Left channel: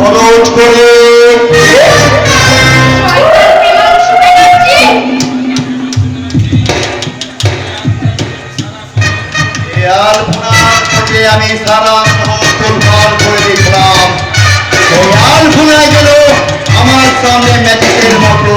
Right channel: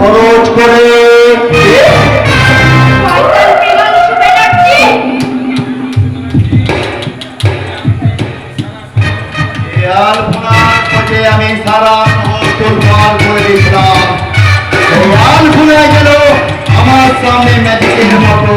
খরচ করে। আমি সারা শহর করে দিয়েছিলাম। ভুলে গেল আমার সামনে ম্যাজিকের মতো।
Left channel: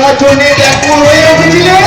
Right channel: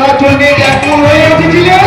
দেখার জন্য ব্যাকুল হয়ে উঠেছিলেন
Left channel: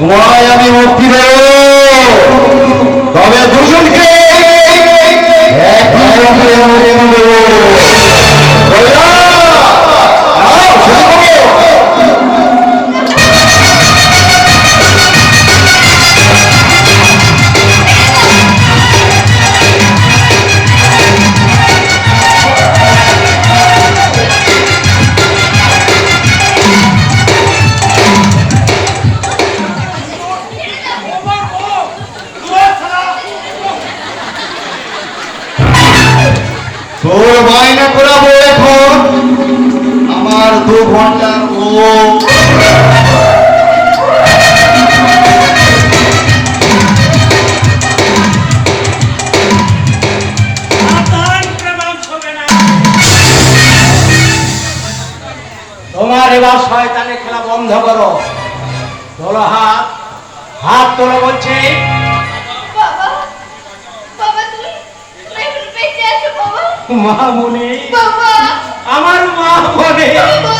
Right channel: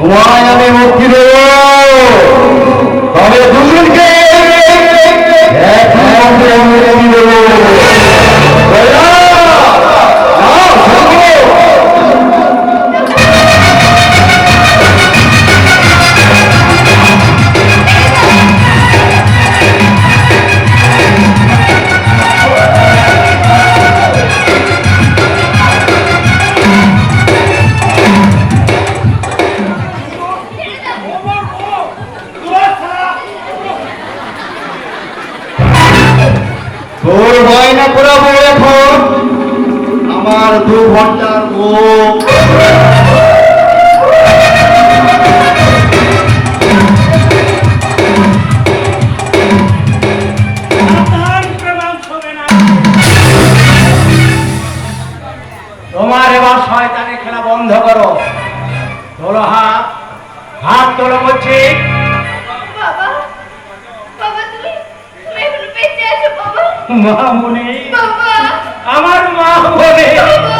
ধোঁয়ায় আমি মসজিদের তোর মাইনা করাবো এখন। আমার দু ঘণ্টা তোমার এবার শয়তানের খেলা বন্ধ করো। তোলো হাত হাত তোর বলছি মামুনি। আমার মা বলে।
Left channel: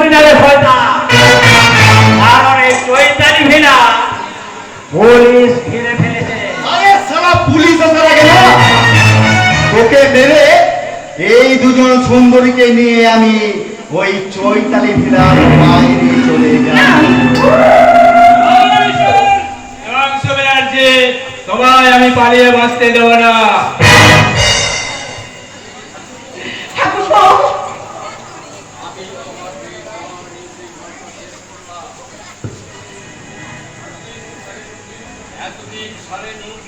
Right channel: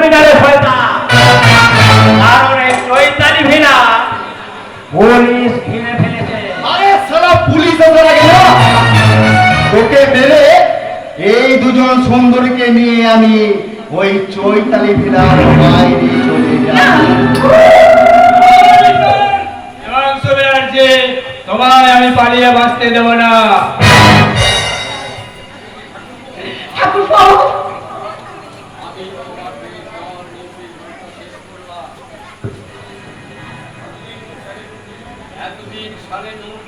পাবি শয়তান। কারণ এই চৈতালি ভিনা পুলিশ ঘিরে ফেলেছে। আরে সারা পুলিশ আসার আগে না। তোকে মেরে এই দুজন সুন্দরীকে নিয়ে আমি ওই চৈতালি ভিলার বাইরে চলে যাব তোমায় আমি পালিয়ে বাঁচতে দেবো না।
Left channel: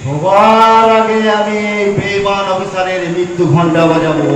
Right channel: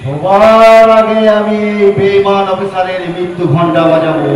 সবার আগে আমি এই বেইমান অফিসারের মৃত্যু ঘণ্টা বাজাবো।